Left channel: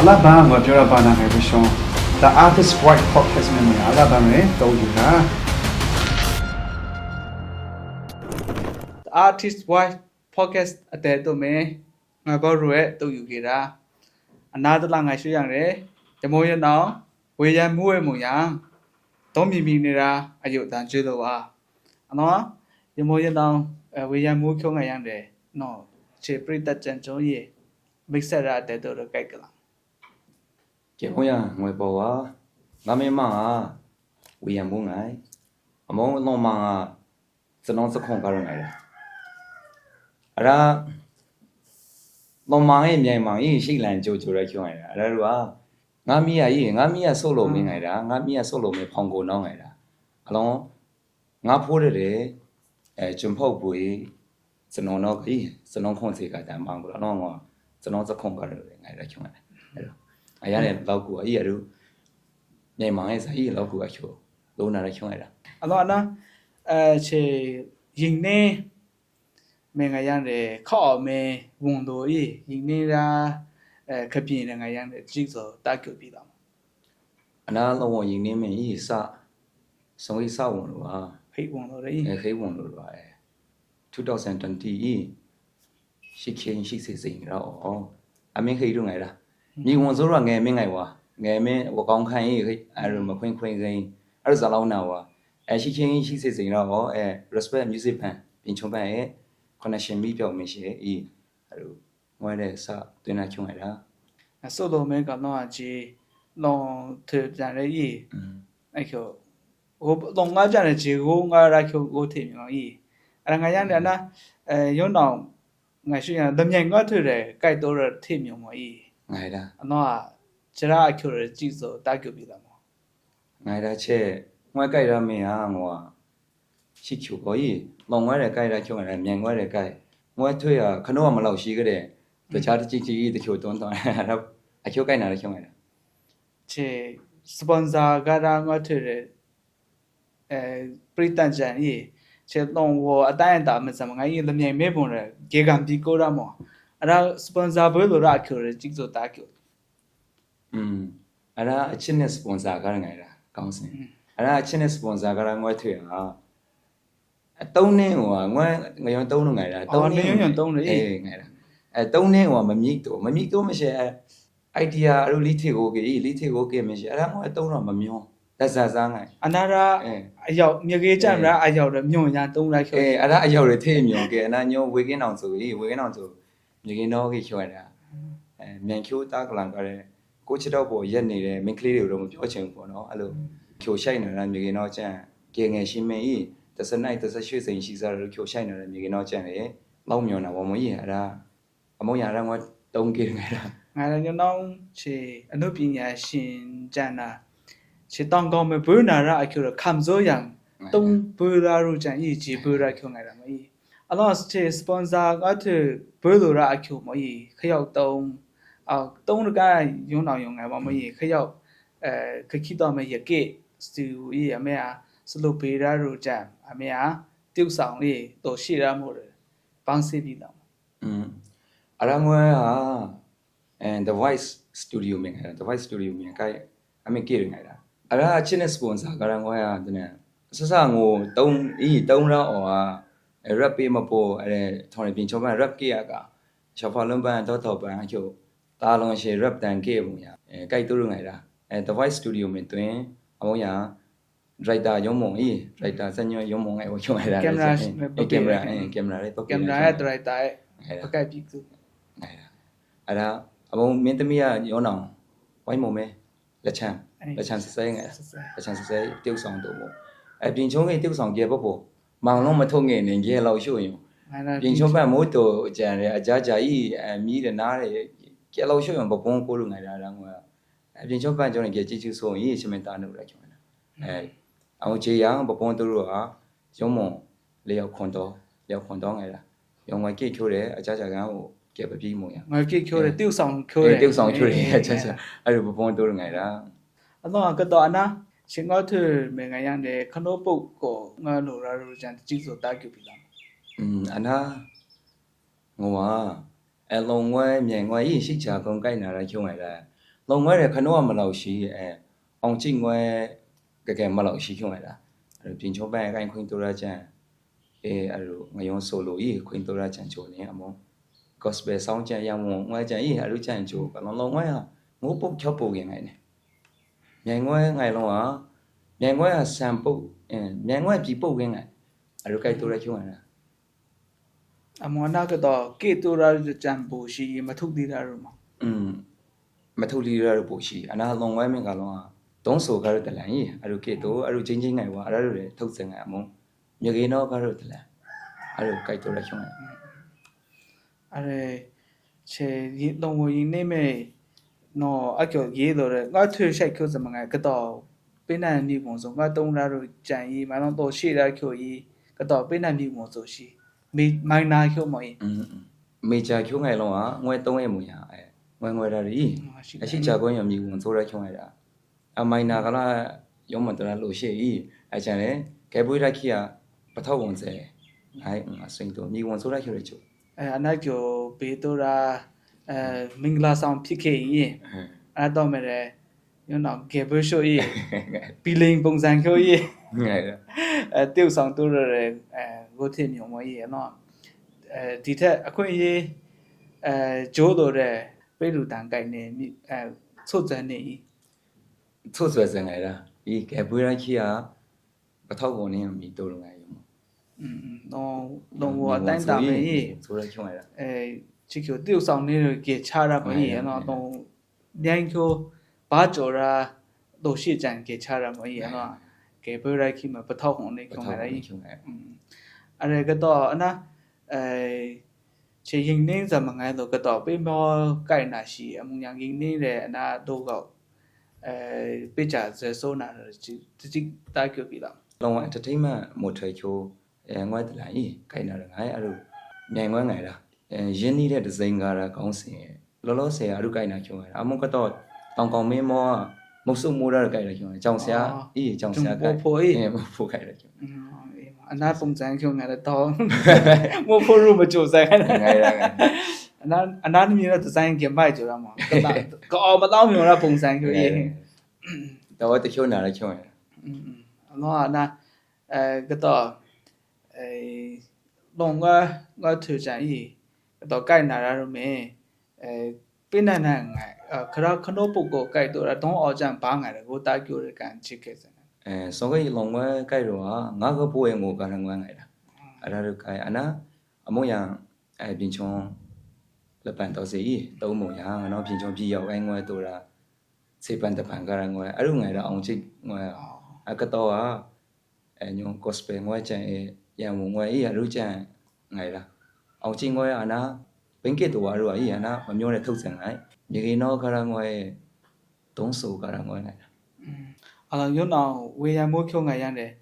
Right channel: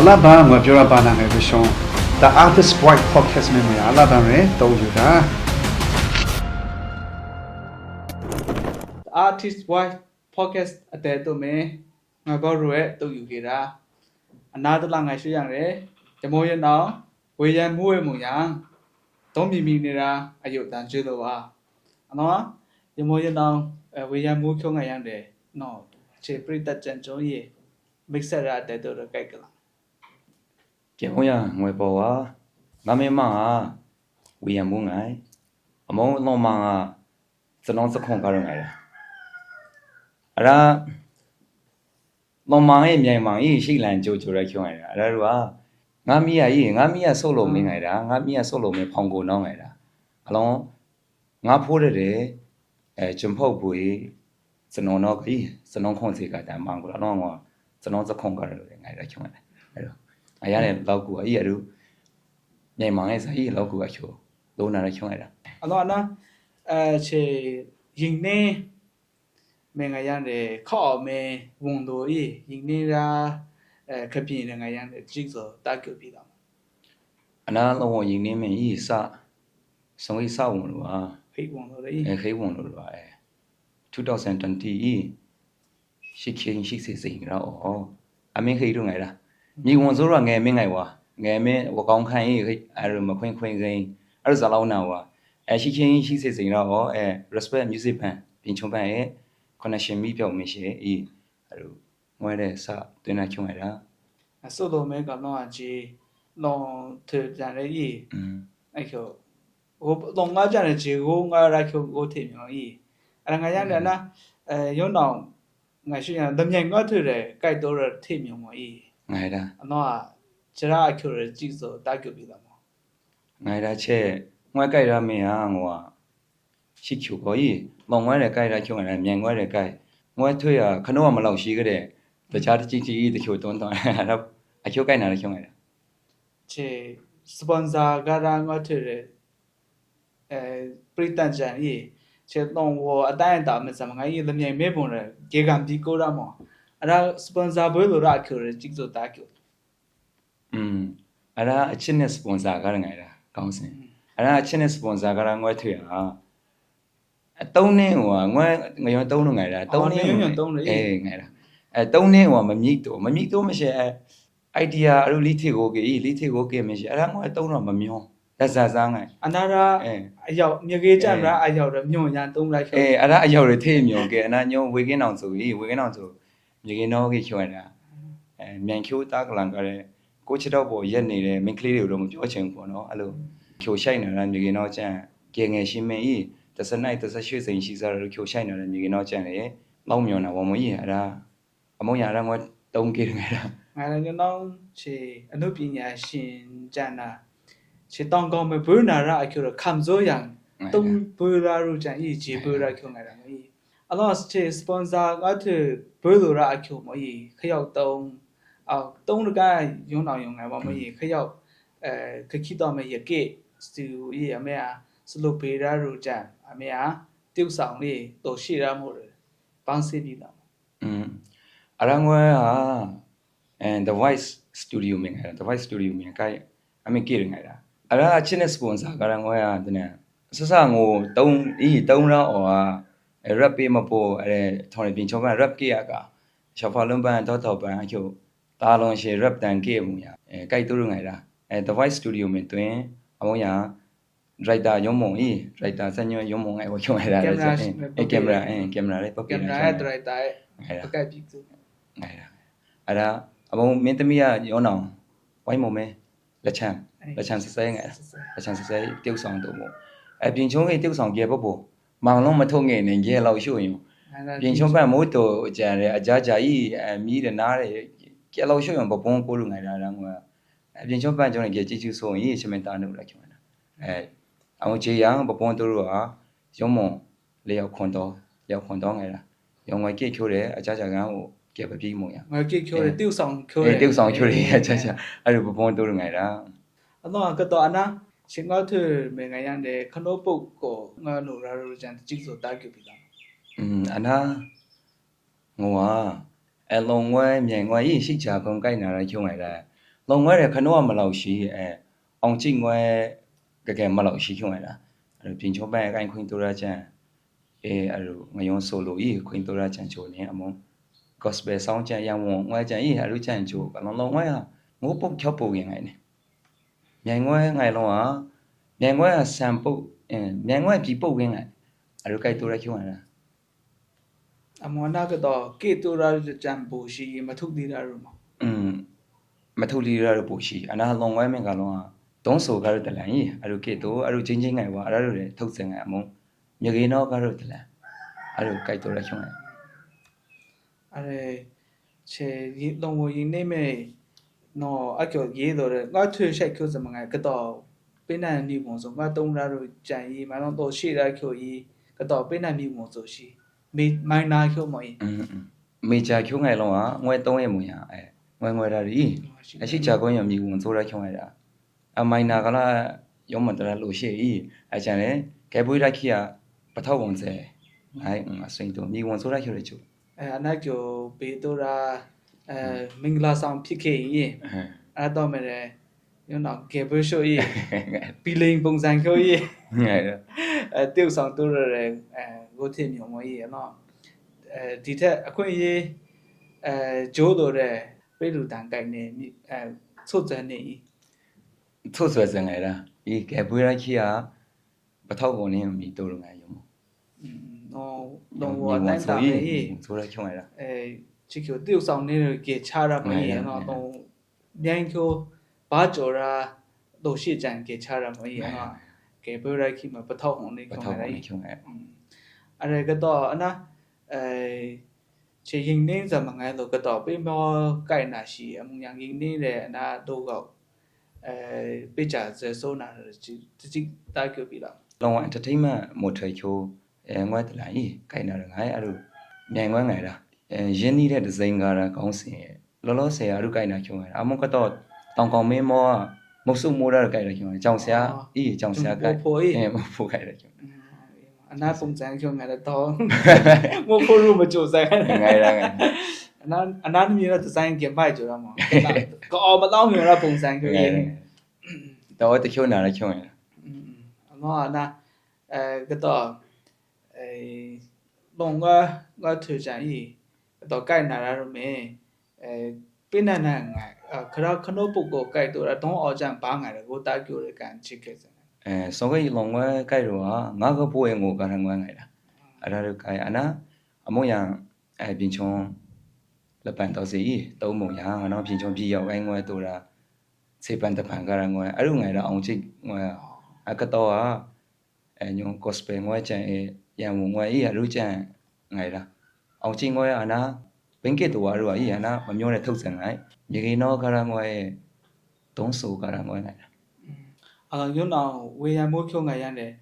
Alabama jura bana me bishon the artist white podcast me Alabama to yuta artist white podcast အတဲတော့မယ်ငါဘောရွယ်တူယူကြတာအနာတလာငါရှိရတယ်တမောရနောင်ဝေရန်မှုဝဲမှုရန်သုံးမြမီနေတာအယုတ်တန်ကျွလို့ပါအနော်တမောရနောင်ဝေရန်မှုချုံငါရတယ်နော်ခြေပရိသတ်ကြံကြုံရေ mix ရတဲ့တော့ကြိုက်ကလာ 结婚呀，我包啊，俺们忙啊，为养不爱，俺们老忙啊，只能是空干了来了。啊啦，老忙诶，面忙诶，谁来就来听来了。啊啦是吧？俺们也收入没来了，俺们也收入没碰过孬来了。啊喽，俺婆的嘞，真跑不诶，只能那个只能空谁干但忙过了，那我只能是空干了来了听来了。哎呀嘞，老古啊，也都面忙诶，啥也老古啊，就都拿来听来了。အနော်နော်ခြေရင်နေမင်္ဂရန်တဲ့ခေါ်မဲဝန်တို့ဤရင်နေတာခပြင်းနေငါရန်တဲ့ကြည့်စောတာကြပြီတော့ 啊，那我今年没一啥，生意啥问了吧？ ဖိတ်ဝန်တို့လေ 可以问了吧？2020是前是谁了哦？还没可以弄来了。你问说了爱没爱哇？爱没我刚看伊可以，还是没看人，还是老难哇？是前是谁了哦？respect music 班，平常班可能是米表没些还有我嘞啥对那听来了。 ဆိုတော့မဲကတော့ကြည့်လောထကြတယ်ဤအဲ့ကျော်ဟိုလောငါကြတယ်ဂျေကိုငါရချိုကိုထင်မြောင်ဤအဲ့ငါရန်တယ်နော်ရုံတော့ငါရှိရတမြိုင်ငါထတယ်ကြိုက်တော့ထင်မြောင်မဤ 爱的。 အနော်ကျရာအကျော်ကြည့်စောတာကြပြီတော့ 爱的切，我改了没啊我，是求可以，忙我来改了求来，面我来改，我推啊，可能我们老师个嘞，在家的经济的求多多，然后还求改哪里求来了？ ခြေစပွန်ဆာကရာငါထတယ်ပရိသတ်ကြံဤခြေတော့ဝအတိုင်းတာမစမငါဤတမြိုင်မဲပုံရဂျေကံဒီကိုရမောအဲ့ဒါစပွန်ဆာဘယ်လိုရအကျော်ကြည့်စောတာကြ 啊啦，一年 sponsor 个人来了，讲真，啊啦，一年 sponsor 个人我推啊，当年我要当年来了，当年哎来了，当年我没米多没些idea，啊，理解我给没些，啊啦我当年没苗，但是啥个？ အနာရအရောက်မြေကြီးကြံရအရောက်ရမြုံညာတုံးလိုက်ခဲ့ 啊啦要的太苗个，那鸟维根当做，你给哪个去来了？面口打个啷个嘞？ ကိုချတော့ပေါ်ရက်နေတယ်မိန်းကလေးတွေတော့မပြောချင်ဘူးနော်အဲ့လိုဖြိုဆိုင်နေတာမြေကြီးတော့ကျန်ကငယ်ရှိမင်းကြီး18စိန်ရှိစားလို့ဖြိုဆိုင်နေတာမြေကြီးတော့ကျန်လေလောက်မြော်နေဝမကြီးအဲ့ဒါအမောင်ရတာငါတုံးကြည့်နေတယ် ငါလည်းနောင်ချေအနုပညာရှင်ကျန်တာချေတောင်ကောင်းမဘွနာရအကျော်ခံစိုးရန်တုံးဘွလာရူကျန်ဤဂျေဘွရာချုံနေတာမကြီးအလောချေစပွန်ဆာကတ်ဘွလိုရအကျော်မကြီးခရောက်တုံးတုံးကယုံတော်ယုံငါမကြီးခရောက်ခခိတော်မရကေစတူဤအမေအားစလုပေရာရူကျန်အမေအားပြုတ်ဆောင်လေးတော်ရှိရမှုတယ်ပန်းစီပြီးတော့ အဲ့ဒါငါThe Voice Studio မြင်ခဲ့ The Voice Studio မြင်ခိုင်အမေကြည့်နေတယ်အဲ့ဒါအချင်းနဲ့ sponsor ကလည်းငါတဲ့ဆဆငိုတုံးတော့ဟော rap ပေးမပေါ်အဲ့ထော်နေပြင်ချောပန် rap ကြည့်ရကချောဖလုံးပန်တော့ပန်အချို့တာလုံးရှေ rap တန်ကြည့်မှုရကြိုက်တူငိုင်လားThe Voice Studio မြင်တွင်အမောရ writer ရုံးမုံwriter စညရုံးမုံငိုင်ဝချုံရတာကင်မရာလေးပုတ် ကင်မရာရဲ့ဒရိုက်တာရဲ့ပကတ်ပြီးသူ ငိုင်လားအဲ့ဒါအမောမင်းသမီးကရုံးအောင်ဝိုင်းမုံမဲလက်ချမ်းစစဲငိုင်လက်ချမ်းစစဲtiêuဆောင်တော့မို့ပြင်ချုံရဲ့tiêuဆောင်ကြပေါ့ပေါ့မောင်လုံးမထုံငယ်နေကြလောက်ရှို့ရင်ပြင်ချုံပန်မို့တော့ကြံတယ်အကြကြကြီးမီးတယ်နားတယ်ကြလောက်ရှို့ရင်ဘပုံကိုလိုငိုင်လာတာငါပြင်ချုံပန်ကြောင့်ကြကြည့်ချူဆိုရင်ချမင်တာလို့လိုက်ချင်တာအောင်ချေရန်ဘပုံတို့ကရုံးမလေရောက်ခွန်တော့ငိုင်လာရုံငွေကြည့်ချိုးတယ်အကြကြကန်ကိုကြပြပြီးမို့ရ ငါကိချိုးတယ်tiêuဆောင်ချိုးတယ် tiêuဆောင်ချိုးတယ်အကြအဲ့လိုဘပုံတို့ငိုင်လာ အတော့ကတော့အနာရှင်ငါထမေငါရန်တဲ့ခနိုးပုတ်ကိုငါလိုရာရူကျန်ကြည့်ဆိုတာကြပြီလား အနာငွာအလုံးဝမြင်ငွာရေးရှိချာကုန်ကိုက်နာချုံလိုက်တာ လုံငွေရခနောမလောက်ရှိအောင်ကြည့်ငွေကဲမလောက်ရှိခွင့်လားအဲ့ပြင်ချုံပန်းအကိုင်ခွင်တော်ရချန်အဲ့လိုငယုံဆိုလိုဤခွင်တော်ရချန်ချိုနေအမုံ gospel ဆောင်းချန်ရံငွေချန်ဤအဲ့လိုချန်ချိုအလုံးလုံးငွေငိုးပုတ်ချော့ပုတ်ရင်ငိုင်းနေမြန်ငွေငိုင်လုံးဟာမြန်ငွေဆန်ပုတ်မြန်ငွေပြီပုတ်ဝင်ငိုင်းအဲ့လိုကြိုက်တော်ရချုံလား အမောနာကတော့ကေတူရာကြံပူရှိမထုတ်သေးတာရောမ မထူလီရတော့ပို့ရှိအနာလုံးဝဲမင်းကလုံးဟာတုံးဆိုကားရတဲ့လန်ကြီးအဲ့လိုကေတိုအဲ့လိုချင်းချင်းငိုင်ပါအဲ့လိုတွေထုတ်စင်ငိုင်အမုံမြေကြီးနောက်ကားရတဲ့လန်အဲ့လိုကြိုက်တော်ရချုံ အဲ့ချေရီလုံးဝရင်းနေမဲ့နော်အကျော်ရေးတော့ငါထွေရှိုက်ခုစမငါကတော့ပိနန်နေပုံဆိုငါတုံးလာတော့ကြံရီမလောတော့ရှေ့ရခုကြီးကတော့ပိနန်နေပုံဆိုရှိမိုင်နာခုမော် မေချာချုံငိုင်လုံးဟာငွေ3ရက်မူရငွေတာရီအရှိချာကွင်းရမြေဝင်ဆိုရချုံလိုက်တာအမိုင်နာကလာရုံးမတရလို့ရှိဤအချန်လေကဲပွေးလိုက်ခိရပထောက်ဝင်စေအဲ့အစိန်တို့မြေဝင်ဆိုရချုံရချုံ အနာကျော်ဘေတိုရာမင်္ဂလာဆောင်ဖြစ်ခဲ့ရင်အဲ့တော့မယ်ညနော်ကေဘရှိုးပီလိန်ပုံစံကျော်ရေတေးဆောင်တူရဝတ်ထမြော်မကြီးနော်ဒီထက်အခွင့်အရေးဂျိုးတော်တဲ့ပိလူတန်ကိုင်နေဆုတ်စံနေ ထုတ်ဆွဲစင်ငိုင်လားဤကဲပွေးလိုက်ခိရပထောက်ဝင်နေမြေတို့လိုငိုင်ယုံ တော့ဝတ်တိုင်းတာမေး ဆိုရချုံလိုက်တာ ချစ်ကျော်တေးဆောင်နေကေချာရမေးနော်တော့မြန်ကျော်ဘာကျော်ရာတို့ရှိကြံကေချာရမေးနော်ကေဘရိုက်ခိမပထောက်ဝင်နေခုံလိုက် ချုံလိုက် အဲ့ကတော့အနာချေရင်နေစမငယ်တော့ကတော့ပေမောကိုင်နာရှိအမှုညာရင်နေတဲ့အနာတို့ကပိချာဇေဆိုနာတိတာကြပြီလား လောင် entertainment မိုထွေချိုငွေတလိုင်းခိုင်နာငိုင်းအဲ့လိုမြန်ငွေငိုင်လားရင်းနှီးတဲ့ဒီဇိုင်ကားခေါင်းစဉ်လောလောဆယ်အရုကိုင်နာချုံရအမကတော့တောင်ကောင်မင်းမောမုတ်စုမိုးရကိုင်ရချုံကြောင်ဆရာကြောင်ဆရာကိုဖိုးခိုင်ရချုံ အနာပုံစံချုံနေတော့မဖို့လို့မကြိုးစားခဲ့အနာမျိုးဒီဇိုင်းကင်ပိုက်ကြရမှာကောမတော့မျိုးရပုံစံမျိုးရင်း တော့တချို့နာရချုံရ အနာကတော့လုံကထူချင်တော့ကိုင်နာရမယ်ပိနန်နဲ့ခရခနိုပုကိုကိုက်တော့တော့အော်ချန်ဘာငါကိုတာကျိုရကန်ချစ်ခဲ့စ စောကလုံဝဲကြိုက်တော့ငါကပိုးငိုကရငွေငိုင်လားအဲ့ဒါကိုင်အနာအမို့ရပြင်ချုံလက်ပန်တော့စီတုံးမုံရငါတော့ပြင်ချုံပြရောက်ငွေတို့တာစေပန်တပန်ကရငွေအဲ့လိုငိုင်တော့အောင်ချစ်ငွေအကတော့ညုံ gospel ငွေချန်ရံငွေရလူချန်ငိုင်လားအောင်ချစ်ငွေအနာဘင်ကစ်တော်ရောအနာမမျိုးနဲ့ထုတ်စင်ငိုင်မြေကြီးနောကရငွေတုံးဆိုကရငွေလား ယုံအောင်ဝေယံမိုးဖြုံငါရတယ်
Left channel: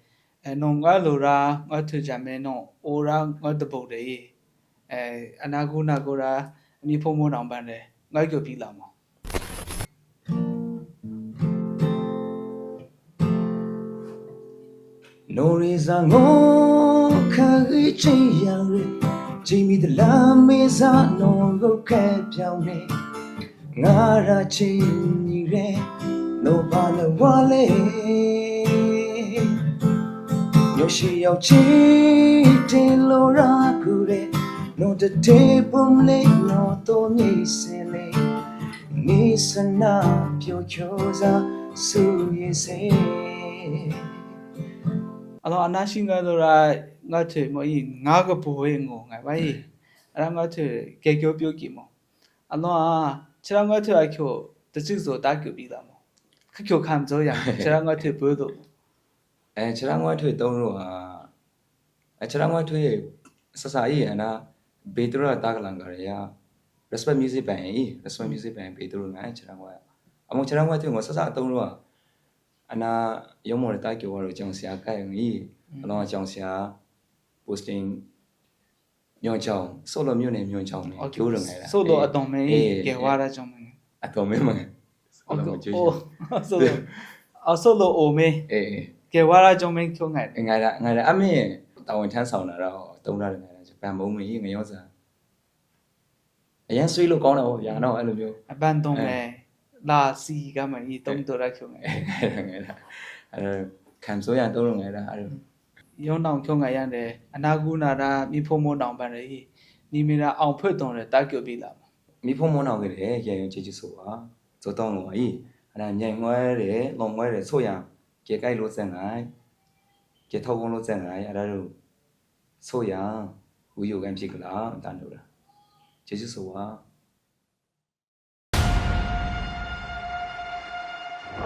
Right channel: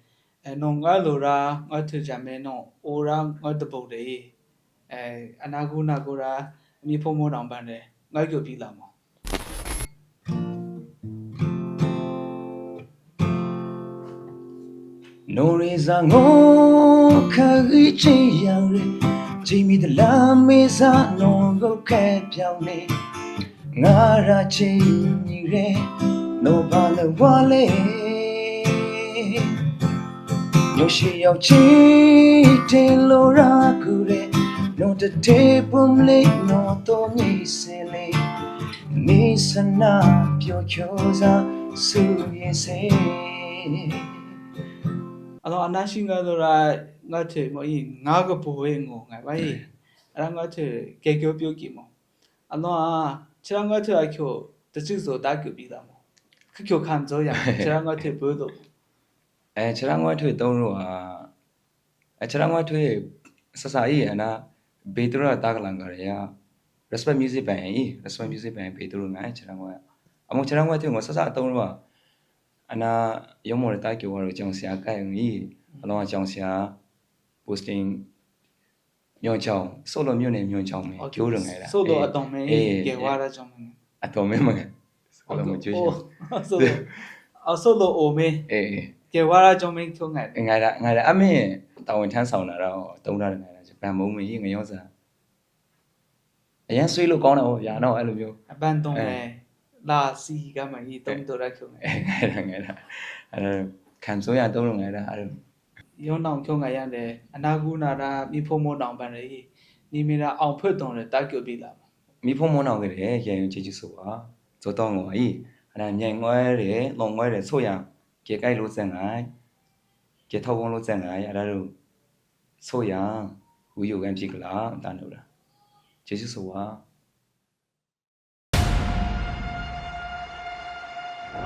နုံကလိုရာငါထကြမဲနော်အိုရာငါတပုတ်တယ်အနာကုနာကိုရာအမိဖုံမိုးတောင်ပန်းတယ်ငါကြိုပြီးလာမှာ နိုရီဇာငိုခရီချီယံဂျီမီဒလာမေဇာနိုကိုခဲပြောင်းနေငါရာချီညီရဲနိုပါလဝါလေညရှိရောက်ချီတင်လိုရာကူလေညတတေပုံလေးနော်တော့ညီစင်လေးနေစနာပြောချောစားဆူရဲ့စေ alors anashi nga dora nga the mo yi nga ga bo ye ngo nga ba yi ara nga the ke kyo pyo ki mo alors chira nga the a kyo de chi so da kyo bi da mo kyo kan zo ya chira nga the bo do ခြေထောက်ငွေထွေတုံးလို့ခြေထောက်ငွေထွေဆဆာကြီးအနာဘေတရတာကလန်ကရ respect music ပဲ respect music ပဲဘေတရငါခြေထောက်ငွေအမခြေထောက်ငွေထွေကိုဆဆာတုံးလို့အနာရုံးမော်တာကြောရကြောင်ဆရာကိုင်ကြီးအလောကြောင်ဆရာ posting မြို့ချောင်းဆိုလိုမြို့နေမြို့ချောင်းနေကျိုးလုံနေတာ ဆိုလိုအတုံမင်းကေဝါရချောင်းမင်း အတော်မင်းမကဆိုလိုကျိုးချောင်း ဆိုလိုအိုမေး အေး ကေဝါရချောင်းမင်းချုံငါ ငါအမေတာဝန်ထမ်းဆောင်လာတော့တုံးရတယ်ဂျပန်မုံမကြီးငရောစားအရင်ဆွေးလို့ကောင်းတယ်ဟောဗျာနော်အဲ့လိုမျိုး အပန်းတုံးလဲ拉西干嘛？你懂得来口哎。ငယ်တာခံစိုးရတော့လို့ငယ်တာအဲ့ 用脑口哎样的，那古那啦，你父母当班的，你们那昂普东的打狗比了。 မိဖို့မောင်းအောင်ကြတယ်ရေရုံချစ်ချစ်ဆိုပါဇောတော့ငေါ်ကြီးအဲ့ဒါမြန်ငွဲတယ်လုံငွဲတယ်ဆိုရကြေကြိုက်လို့စံလိုက်ကြေထောက်ဝန်းလို့စံလိုက်အဲ့ဒါလို့ဆိုရဝီယိုဂိမ်းဖြစ်ကလားတန်လို့လားချစ်ချစ်ဆိုပါ